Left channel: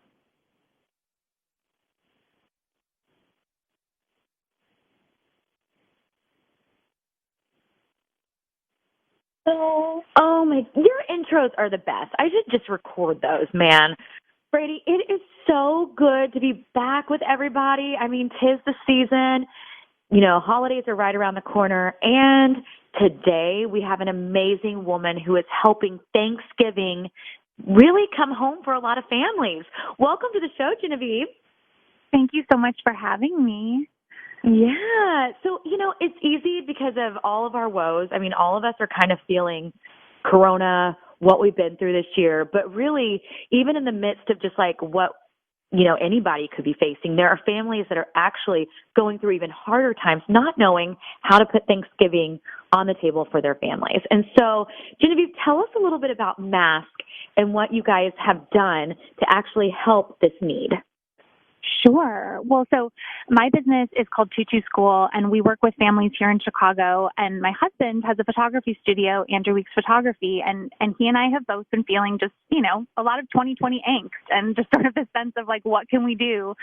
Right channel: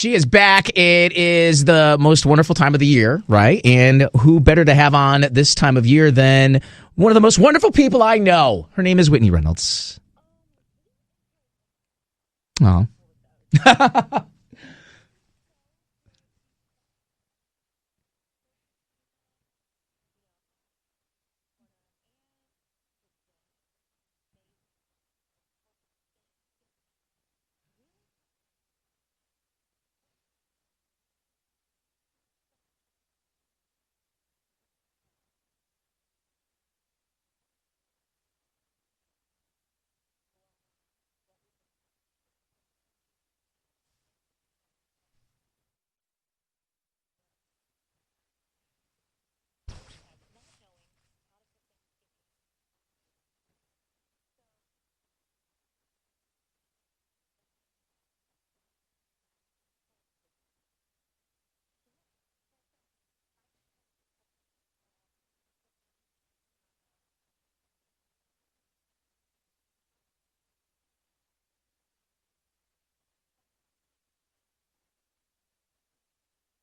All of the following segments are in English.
She is back. It is the most wonderful time of the year, right? And who better to have on this time of year than one of the most wonderful people I know? Her name is Whitney Reynolds. Oh my! Your intros are the best. I should just Oh. record those, man. Brady, it is so good to be back with everybody. I mean, 'tis the season. You know, holidays are right around the corner, and today we have an amazing woman who is helping Thanksgiving really come home for a lot of families. Welcome to the show, Genevieve. Thank you so much for having me. Yeah. So, you know, it's easy because of all of our woes. I mean, all of us are kind of feeling Corona, what we've been through this year, but really, even in the midst of just like what, you know, anybody could be facing, there are families that are actually going through even harder times, not knowing how to put Thanksgiving on the table for their families. And so, Genevieve, tell us a little bit about Mask and what you guys have done to actually help this need. Sure. Well, so my business is called Choo School, and we work with families here in Chicago. And my husband has a photography studio, Andrew Weeks Photography, and he and I have both been feeling just, you know, a lot of 2020 angst and just sort of this sense of like, what can we do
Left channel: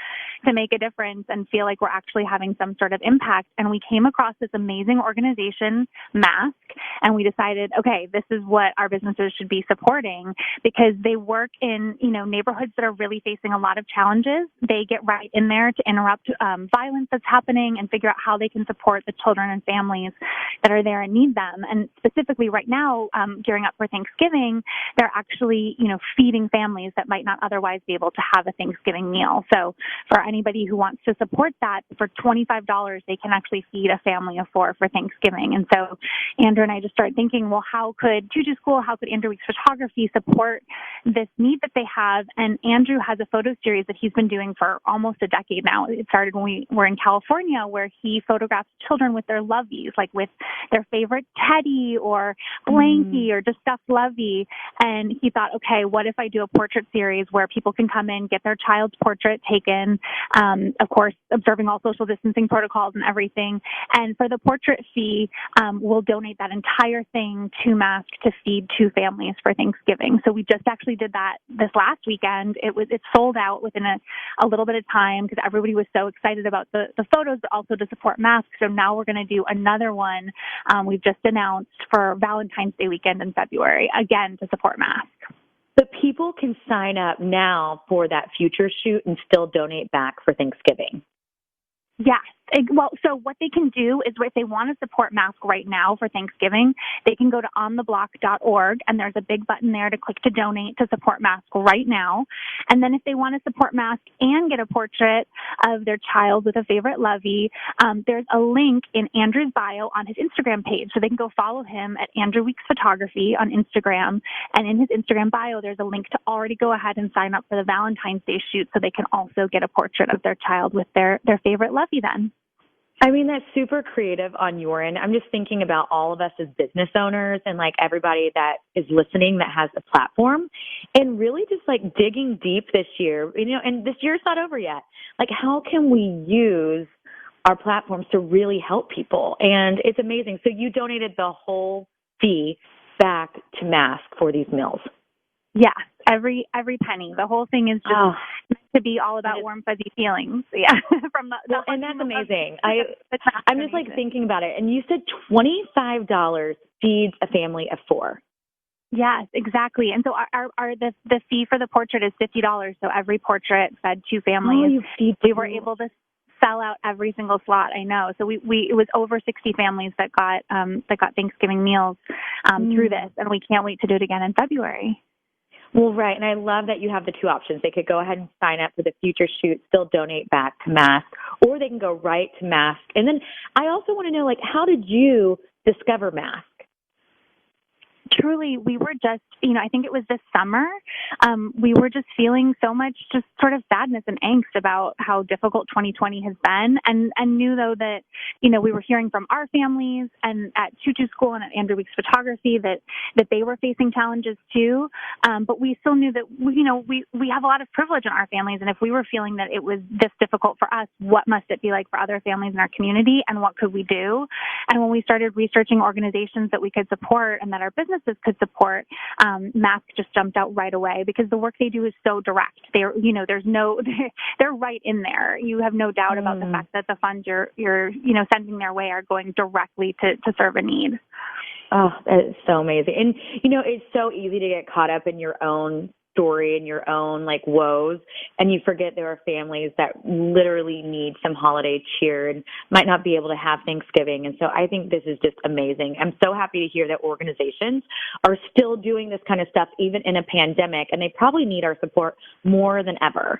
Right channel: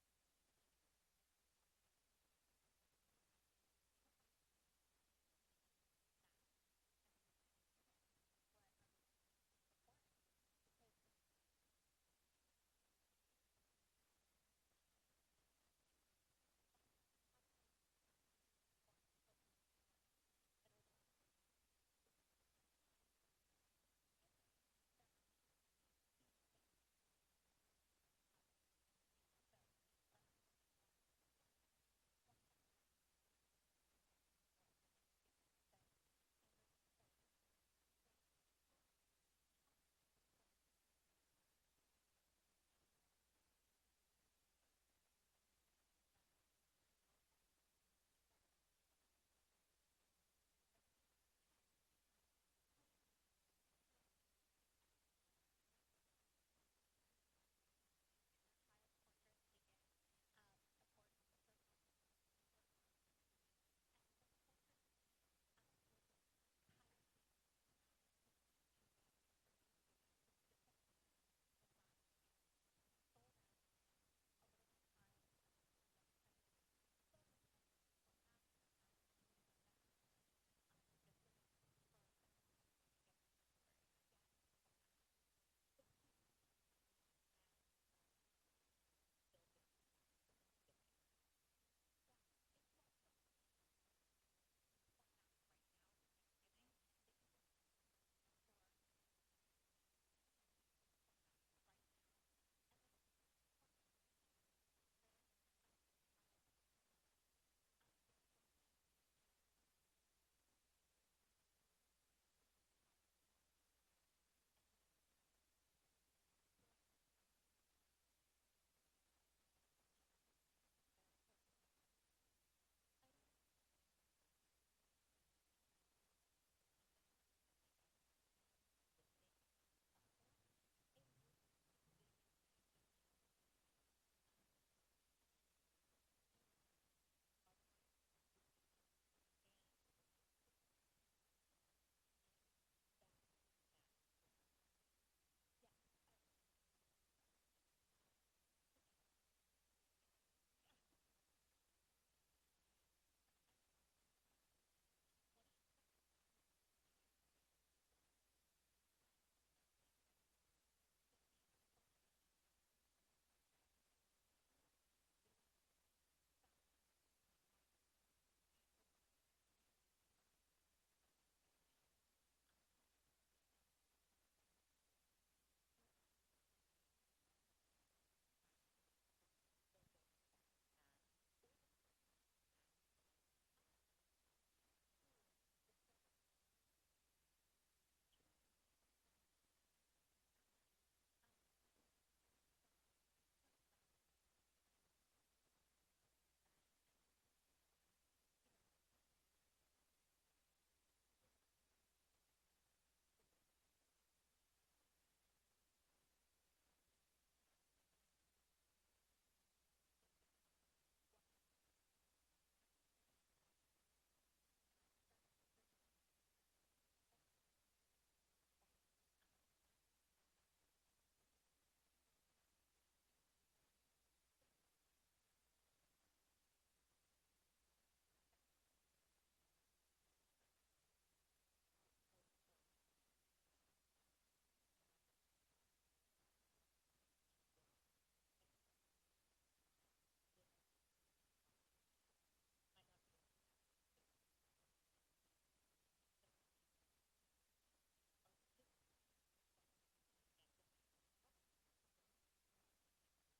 to make a difference and feel like we're actually having some sort of impact. And we came across this amazing organization, Mask, and we decided, okay, this is what our businesses should be supporting because they work in, you know, neighborhoods that are really facing a lot of challenges. They get right in there to interrupt violence that's happening and figure out how they can support the children and families that are there and need them. And specifically right now, gearing up for Thanksgiving, they're actually, you know, feeding families that might not otherwise be able to have a Thanksgiving meal. So for anybody who wants to support that, for $25, they can actually feed a family of 4 for Thanksgiving. And so Andrew and I just started thinking, well, how could Choo School, how could Andrew Weeks Photography support this need that they have? And Andrew has a photo series that he's been doing for almost a decade now. It started when we were in California, where he photographs children with their loveys, like with their favorite teddy or blankie or just stuffed lovey. And he thought, okay, what if I do a portrait series where people can come in, get their child's portrait taken, of course, observing all social distancing protocols and everything. And for the portrait fee, we'll donate that entire thing to Mask to feed 2 families for Thanksgiving. So we just actually did that this last weekend. It sold out within a little bit of time because everybody was so excited about the photos, but also to support Mask. So now we're going to do another one we've just announced for Valentine's Day weekend in February, again, to support Mask. But people can sign up now for that future shoot and still donate back for Thanksgiving. Yes. Well, so what they can do is if they want to support Mask right now for Thanksgiving, they can go to ontheblock.org, and there's a big button there to click to donate to support Mask right now. And then if they want to support Mask and get a portrait of their child with a favorite lovey, there's a link in Andrew's bio on his Instagram page. So they can go follow him at Andrew Weeks Photography on Instagram. And in his Instagram bio, there's a link to already go ahead and sign up for the Valentine's Day shoot so they can also get a portrait of their child with their favorite lovey then. I mean, that's super creative on your end. I'm just thinking about all of us as business owners and like everybody that is listening that has a platform and really just like digging deep this year, you know, and this year's not over yet. Like, how can we use our platforms to really help people? And it's amazing. So you donated the whole fee back to Mask for these meals. Yes, every penny. The whole thing is just meant to be all about warm, fuzzy feelings. Yeah, and that's amazing. I'm just like thinking about it. And you said $25 feeds a family of 4. Yes, exactly. And so the fee for the portrait is $50. So every portrait fed 2 families. We were able to sell out every single slot. I know. So it was over 60 families that got Thanksgiving meals through this, and we can't wait to do it again in February. Well, right. And I love that you have the 2 options. They could go ahead and sign up for the future shoot, still donate back to Mask, or they can go right to Mask. And then I also want to know, like, how did you discover Mask? Truly, we were just, I think it was this summer, we were just feeling so much just sort of sadness and angst about how difficult 2020 has been, and knew, though, that, we were hearing from our families and at Choo School and at Andrew Weeks Photography that they were facing challenges too, but we still knew that, we have a lot of privilege in our families, and if we were feeling that it was this difficult for us, what must it be like for other families in our community, and what could we do? And when we started researching organizations that we could support and that our business businesses could support, Mask just jumped out right away because the work they do is so direct. They're, there's no, they're right in there. You have no doubt about the fact that the funds you're sending their way are going directly to serve a need. Oh, that is so amazing. And, it's so easy to get caught up in your own story and your own woes, and you forget there are families that literally need some holiday cheer and might not be able to have Thanksgiving. And so I think this is just amazing. I'm so happy to hear that organizations are still doing this kind of stuff even in a pandemic, and they probably need our support more than ever.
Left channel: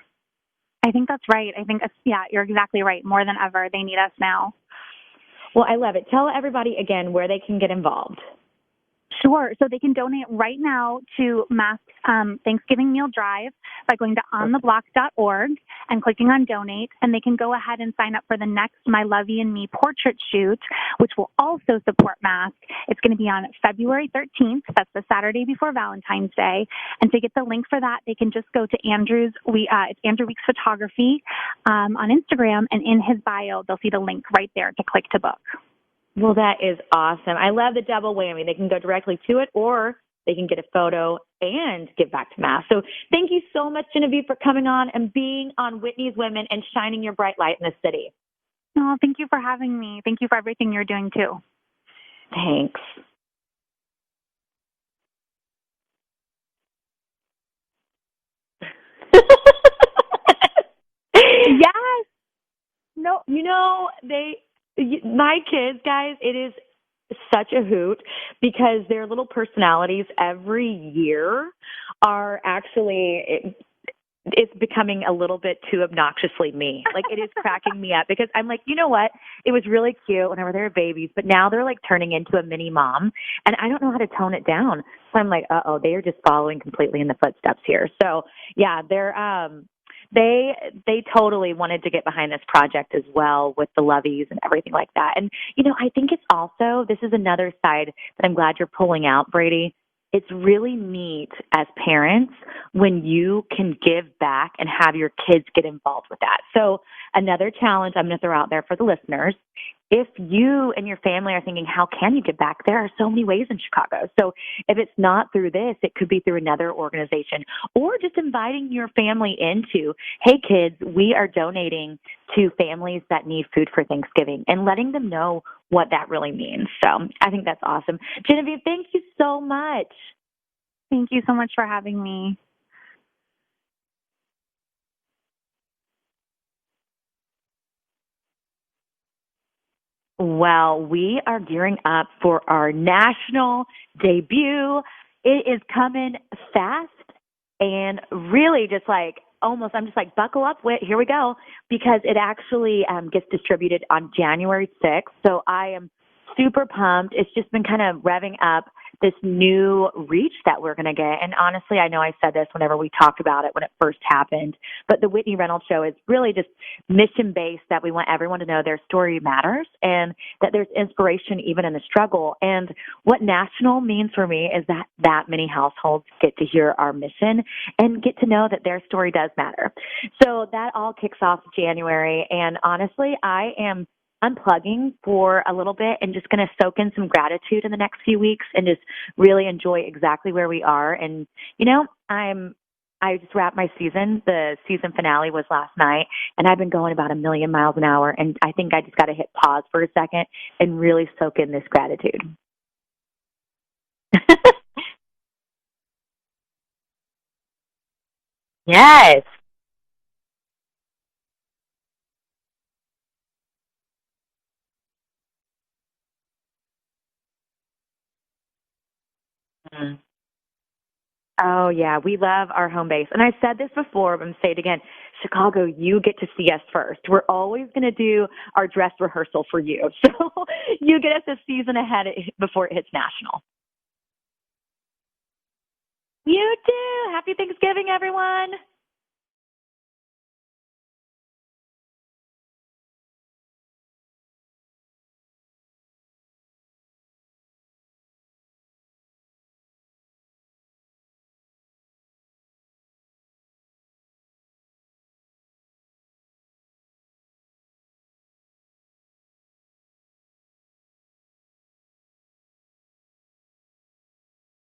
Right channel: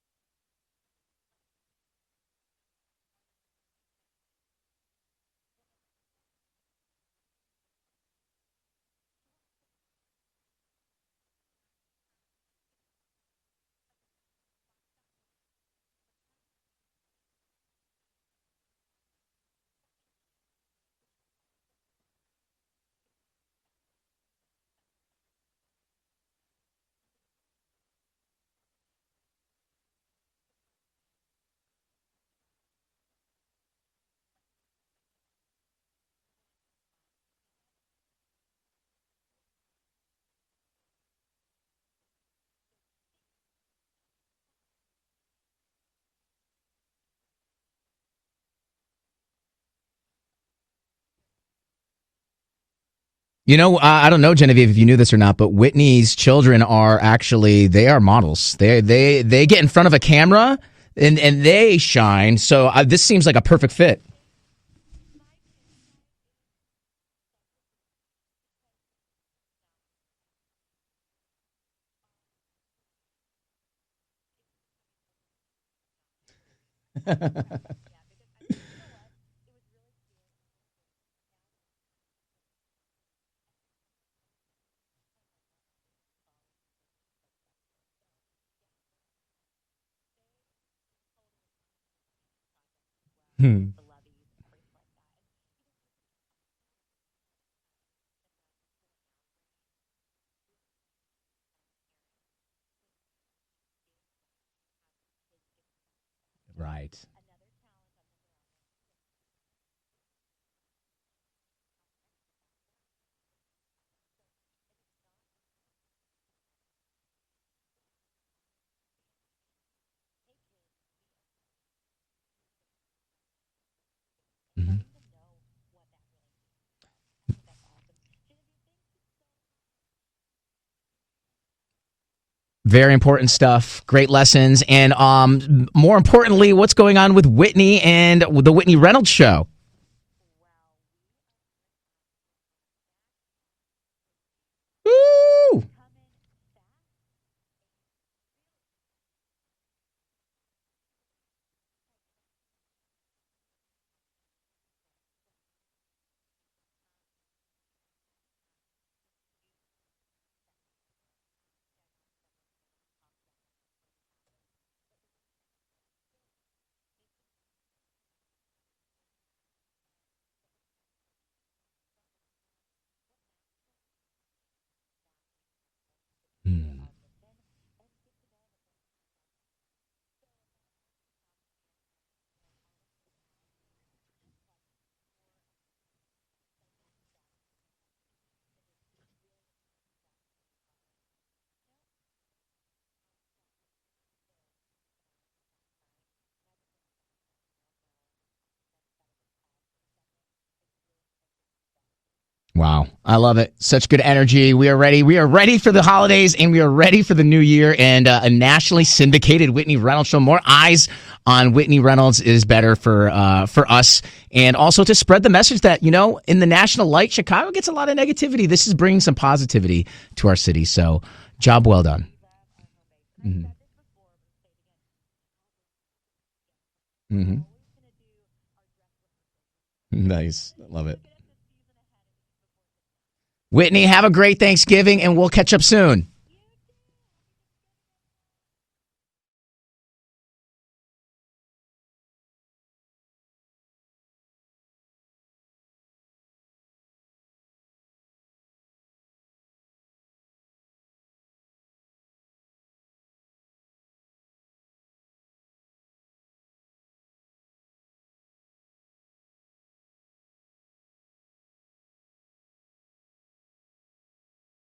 I think that's right. I think, you're exactly right. More than ever, they need us now. Well, I love it. Tell everybody again where they can get involved. Sure. So they can donate right now to Mask's Thanksgiving Meal Drive by going to ontheblock.org and clicking on donate. And they can go ahead and sign up for the next My Lovey and Me portrait shoot, which will also support Mask. It's going to be on February 13th. That's the Saturday before Valentine's Day. And to get the link for that, they can just go to it's Andrew Weeks Photography on Instagram. And in his bio, they'll see the link right there to click to book. Well, that is awesome. I love the double whammy. They can go directly to it, or they can get a photo and give back to Mask. So thank you so much, Genevieve, for coming on and being on Whitney's Women and shining your bright light in the city. Oh, thank you for having me. Thank you for everything you're doing, too. Thanks. I don't know, Genevieve, if you knew this or not, but Whitney's children are they are models. They get in front of a camera and they shine. So this seems like a perfect fit. My kids, guys, it is such a hoot because their little personalities every year are actually it's becoming a little bit too obnoxiously me. It is cracking me up because I'm like, you know what? It was really cute whenever they were babies, but now they're turning into a mini mom, and I don't know how to tone it down. So I'm like, they are just following completely in the footsteps here. So yeah, they're They totally wanted to get behind this project as well with the Loveys and everything like that. And, I think it's also, this is another side that I'm glad you're pulling out, Brady. It's really neat as parents when you can give back and have your kids get involved with that. So another challenge I'm going to throw out there for the listeners, if you and your family are thinking, how can you give back? There are so many ways in Chicago. So if it's not through this, it could be through another organization, or just inviting your family into, hey, kids, we are donating to families that need food for Thanksgiving, and letting them know what that really means. So I think that's awesome. Genevieve, thank you so much. Thank you so much for having me. Very important stuff. Great lessons. And more importantly, what's going on with Whitney and the Whitney Reynolds Show? Well, we are gearing up for our national debut. Woo! It is coming fast and really just almost, I'm just buckle up, Whit, here we go, because it actually gets distributed on January 6th. So I am super pumped. It's just been kind of revving up this new reach that we're going to get. And honestly, I know I said this whenever we talked about it when it first happened, but the Whitney Reynolds Show is really just mission-based, that we want everyone to know their story matters and that there's inspiration even in the struggle. And what national means for me is that many households get to hear our mission and get to know that their story does matter. So that all kicks off January. And honestly, I am unplugging for a little bit and just going to soak in some gratitude in the next few weeks and just really enjoy exactly where we are. And, I just wrapped my season. The season finale was last night, and I've been going about 1,000,000 miles an hour. And I think I just got to hit pause for a second and really soak in this gratitude. Wow. I love it. Such good energy. We are ready. We are ready for the holidays, and we are ready for the new year and a nationally syndicated Whitney Reynolds Show. More eyes on Whitney Reynolds is better for us, and also to spread the message that, in the national light, Chicago gets a lot of negativity. This is bringing some positivity to our city. So job well done. We love our home base. And I said this before, but I'm going to say it again. Chicago, you get to see us first. We're always going to do our dress rehearsal for you. So nice. You get us a season ahead before it hits national. Whitney, have a great Thanksgiving, and we'll catch up soon.